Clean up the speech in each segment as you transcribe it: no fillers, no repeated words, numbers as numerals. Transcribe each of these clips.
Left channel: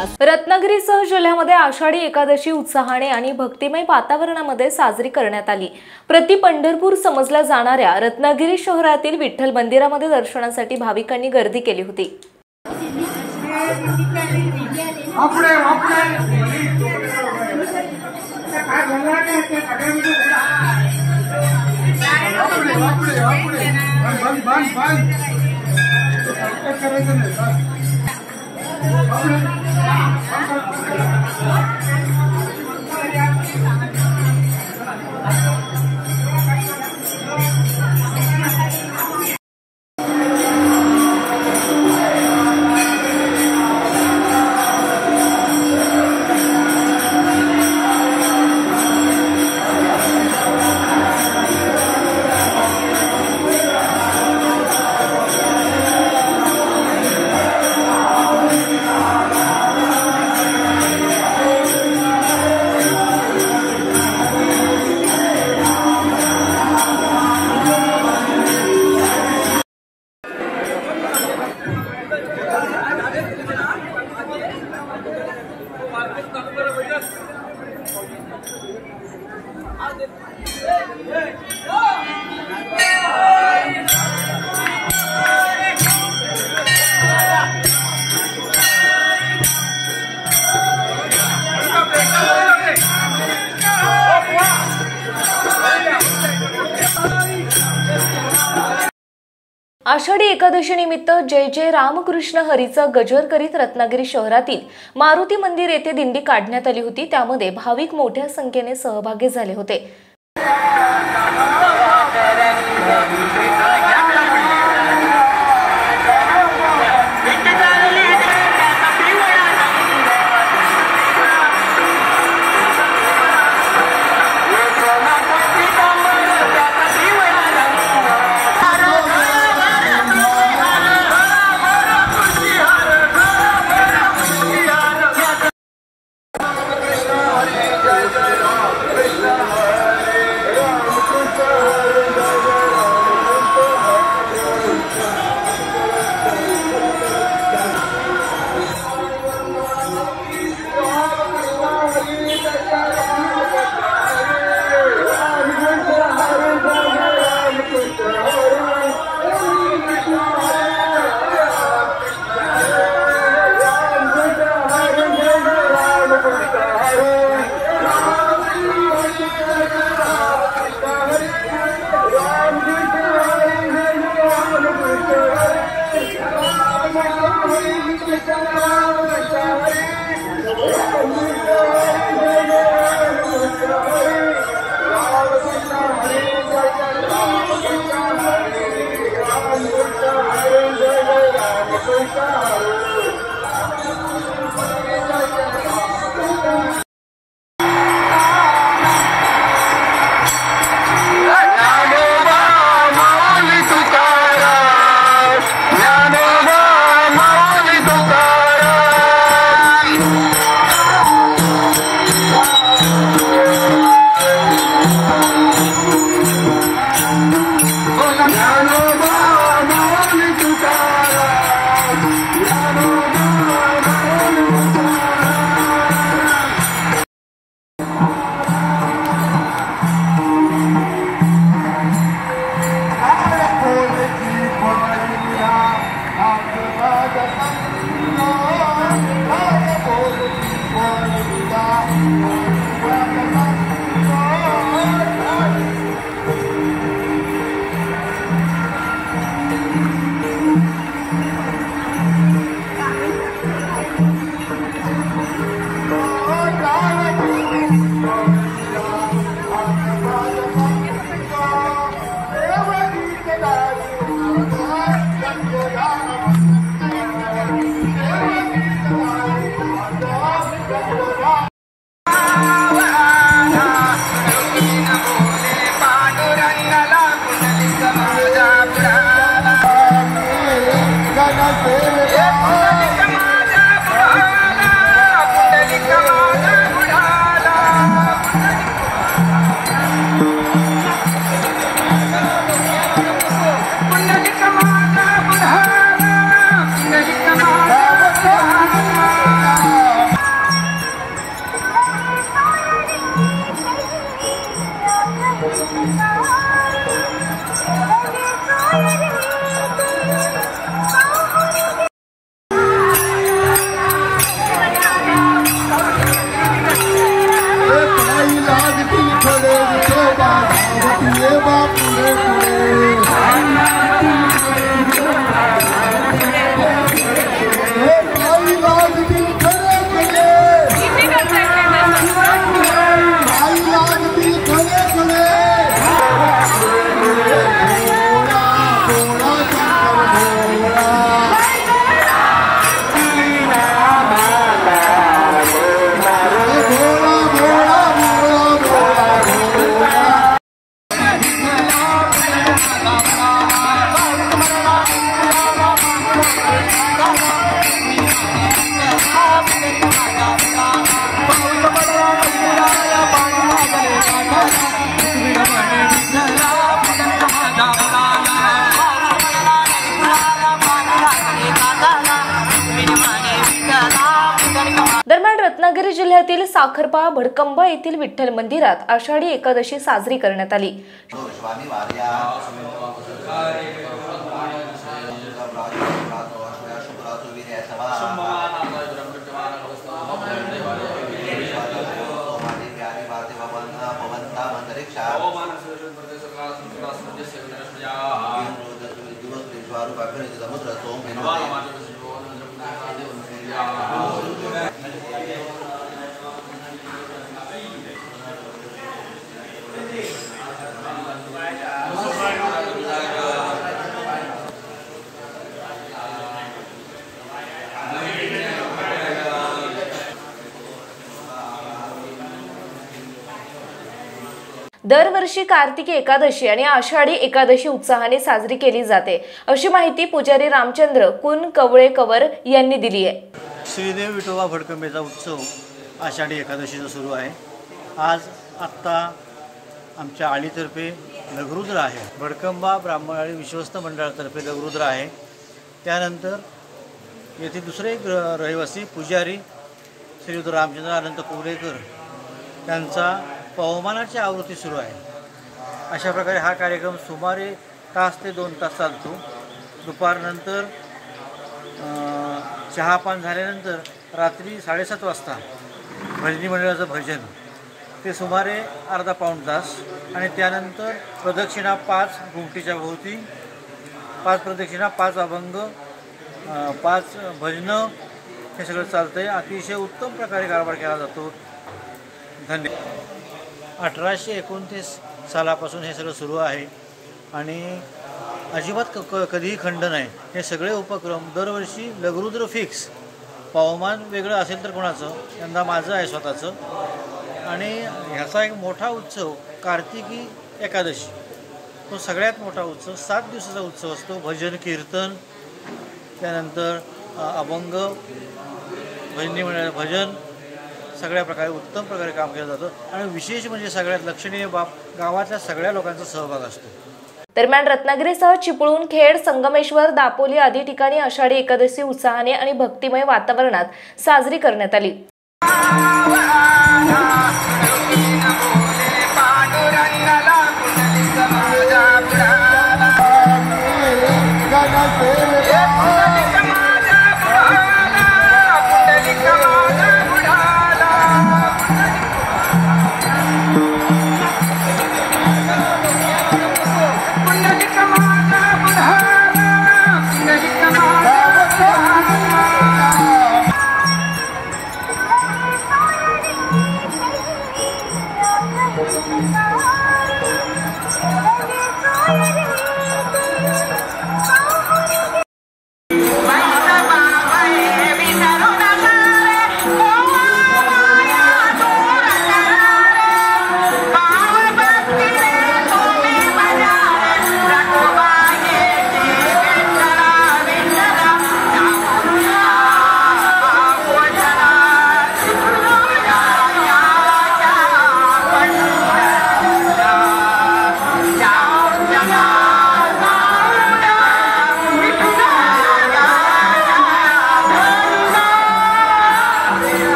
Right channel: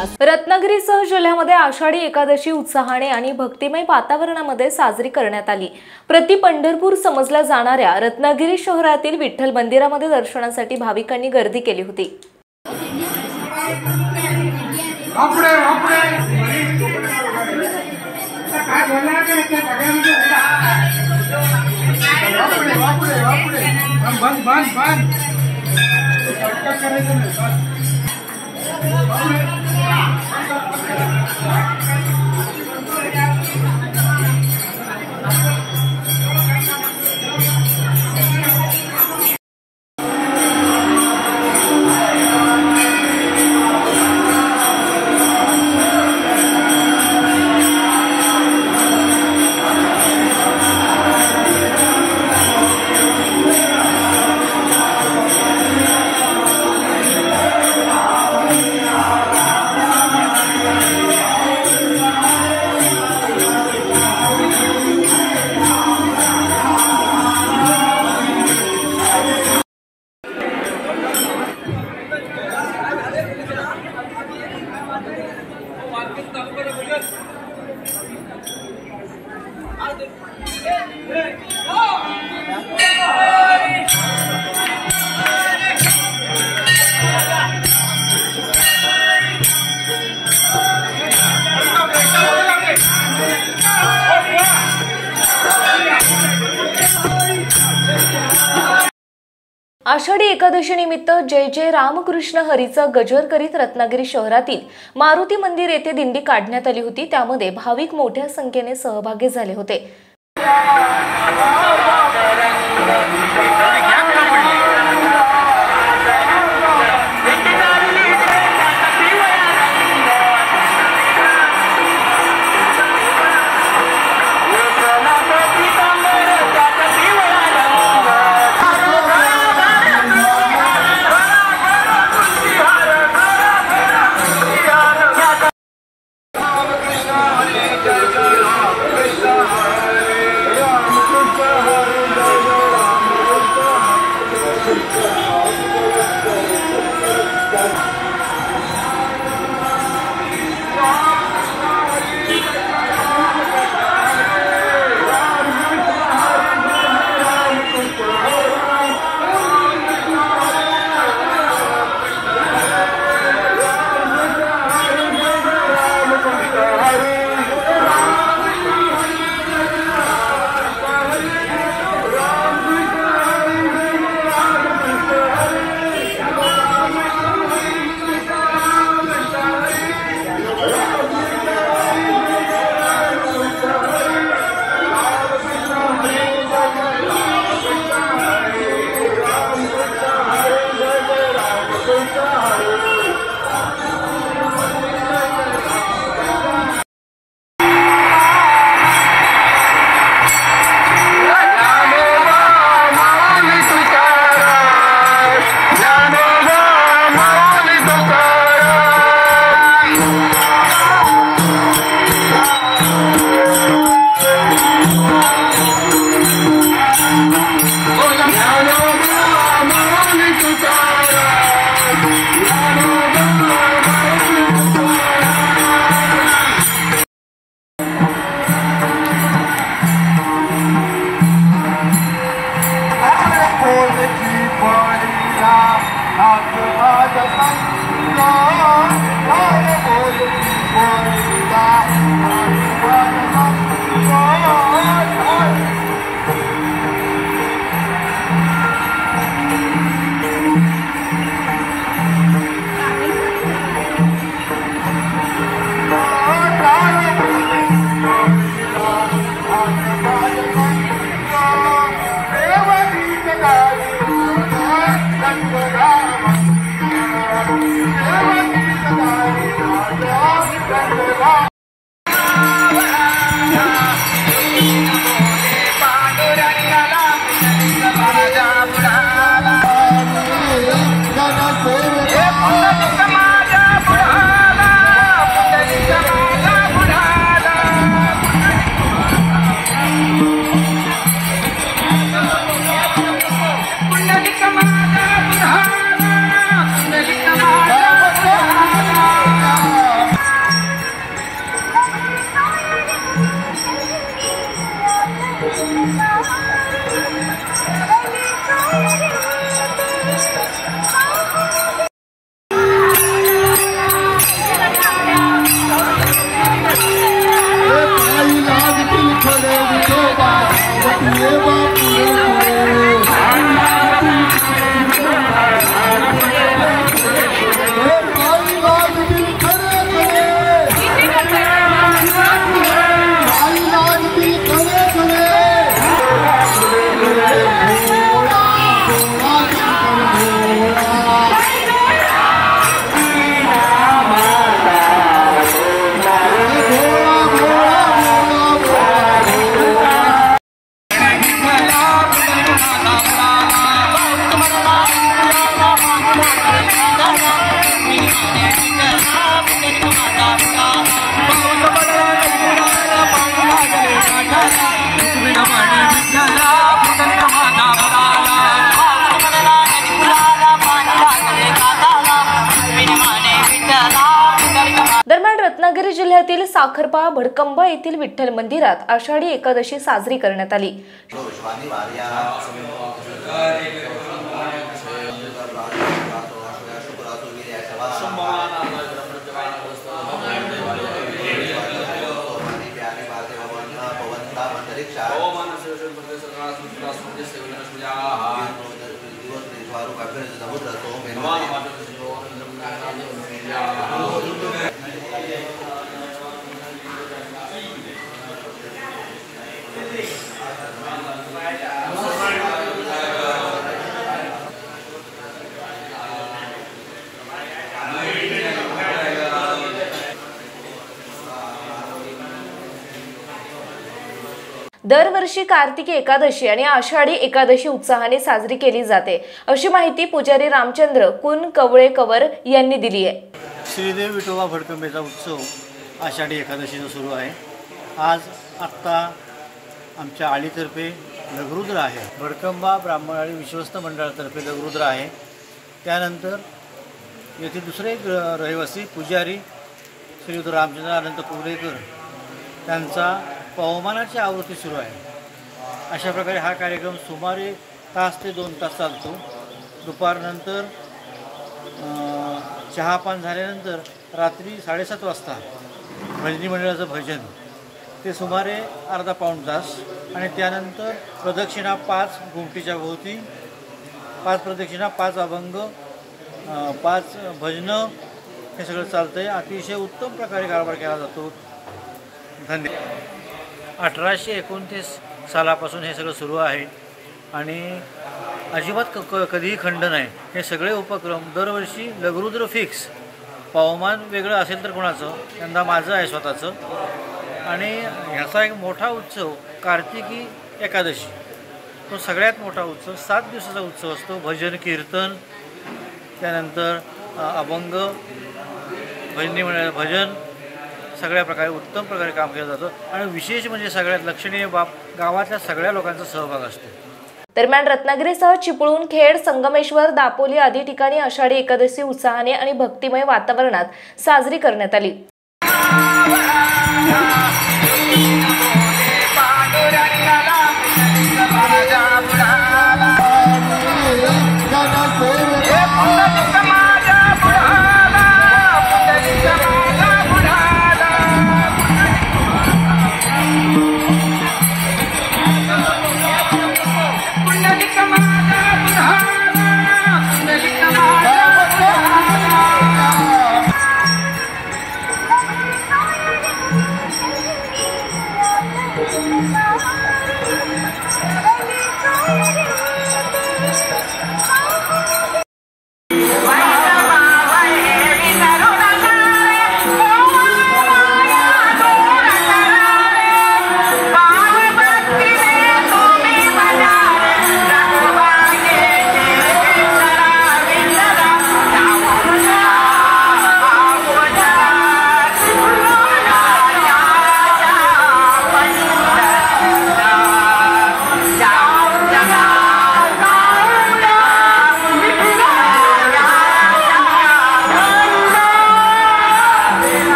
विकास। रत्नागिरीसह जिल्ह्यामध्ये आषाढी एकादशी उत्साहाने आणि भक्तिमय वातावरणामध्ये साजरी करण्यात आली। प्रति पंढरपूर समजल्या जाणाऱ्या रत्नागिरी शहरातील विठ्ठल मंदिरामध्ये दर्शनासाठी भाविकांनी गर्दी केली होती। आषाढी एकादशी निमित्त जय जय रामकृष्ण हरीचा गजर करीत रत्नागिरी शहरातील मारुती मंदिर येथे दिंडी काढण्यात आली होती। त्यामध्ये भाविक मोठ्या संख्येने सहभागी झाले होते। Hare रत्नागिरी जिल्ह्यातील साखरपा भडकंबा येथील विठ्ठल मंदिरात आषाढी एकादशी साजरी करण्यात आली। दरवर्षी कार्तिकी एकादशी आणि आषाढी एकादशी उत्साहाने साजरी केली जाते, अशी माहिती पुजारी रामचंद्र कुनकवळेकर यांनी दिली आहे। श्रीदेव विठोबा भडकंबेचा उत्सव आषाढी एकादशीचा सुरू आहे। आज आत्ता आमच्या आळीतर्फे लघुरुद्र आहे, भडकंबा ब्राह्मण आणि विश्वस्त मंडळातर्फे लघुरुद्र आहे। त्यानंतर येथे दुसरे रहिवासी पुजारी श्री रामचंद्र अनंत कुवलेकर त्यांचा पवमानाची आवृत्ती सुरू आहे। अशा प्रकारे हा कार्यक्रम सुमारे तास ते 2 तास चालतो। दुपारनंतर चहापान झाल्यानंतर रात्री 7:30 वाजता भजनी मंडळाचं भजन ते सुमारे अर्धा पाऊण तास आणि त्यानंतर प्रदक्षिणा 5 घुमटीच्या भोवती, 5 प्रदक्षिणा, 5 अभंग, 5 भजनं हे सगळं चालतं आहे। अतिशय उत्तम प्रकारे कारभार केला जातो। धन्यवाद। 1829 सालापासून हे सगळं सुरू आहे आणि अजिबात कधीही खंड नाही। हे सगळे उपक्रम दरवर्षी लघुरुद्र फिक्स, पवमान वेगळं असेल तर कोणाचं, यंदा माझं आहे स्वतःचं। आणि ह्याचा एक मोठा उत्सव कार्तिकी एकादशी, तो सगळ्यात मोठा उत्सव 7 दिवसाचा उत्सव असतो। भजन कीर्तन, त्यानंतर अभंग, भजनी मंडळ भजन, सगळ्या प्रकारे उत्तम प्रकारे काम केलं जातं आणि विशेष म्हणजे सगळ्यात लक्षणीय बाब गावातल्या सगळ्या लोकांचा सहभाग असतो। दरम्यान रत्नागिरीसह चिपळूण, खेड, संगमेश्वर, दापोली आदी ठिकाणी आषाढी एकादशी उत्साहाने आणि भक्तिमय वातावरणात साजरी करण्यात आली।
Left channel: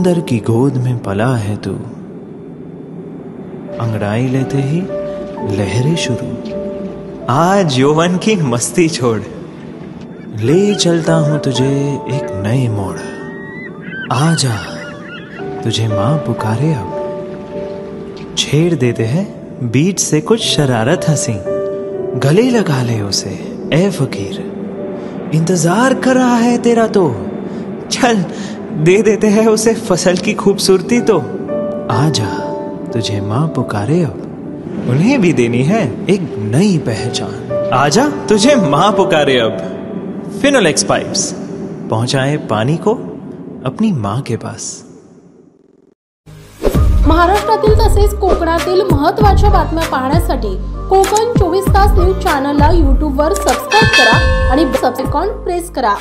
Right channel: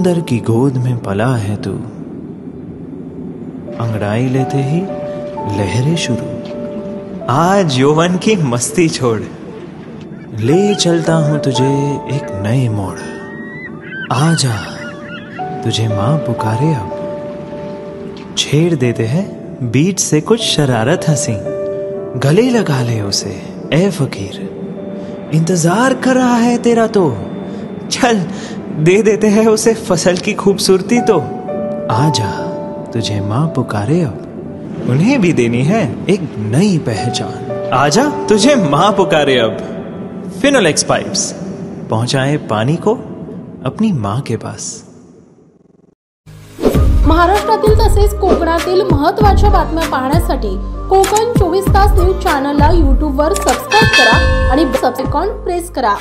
समुंदर की गोद में पला है तू, अंगड़ाई लेते ही लहरें शुरू। आज यौवन की मस्ती छोड़, ले चलता हूं तुझे एक नए मोड़। आजा, तुझे माँ पुकारे अब। छेड़ देते हैं बीच से कुछ शरारत हंसी, गले लगा ले उसे ए फकीर। इंतजार कर रहा है तेरा तो, चल दे देते हैं उसे फसल की खूबसूरती तो। आजा, तुझे माँ पुकारे अब, उन्हें भी देनी है एक नई पहचान। आजा, तुझे माँ पुकारे अब। फिनोलेक्स पाइप्स पहुंचाए पानी को अपनी माँ के पास। महाराष्ट्रातील तसेच कोकणातील महत्त्वाच्या बातम्या पाहण्यासाठी कोकण 24 तास न्यूज चॅनलला YouTube वर सबस्क्राइब करा आणि बेल आयकॉन प्रेस करा।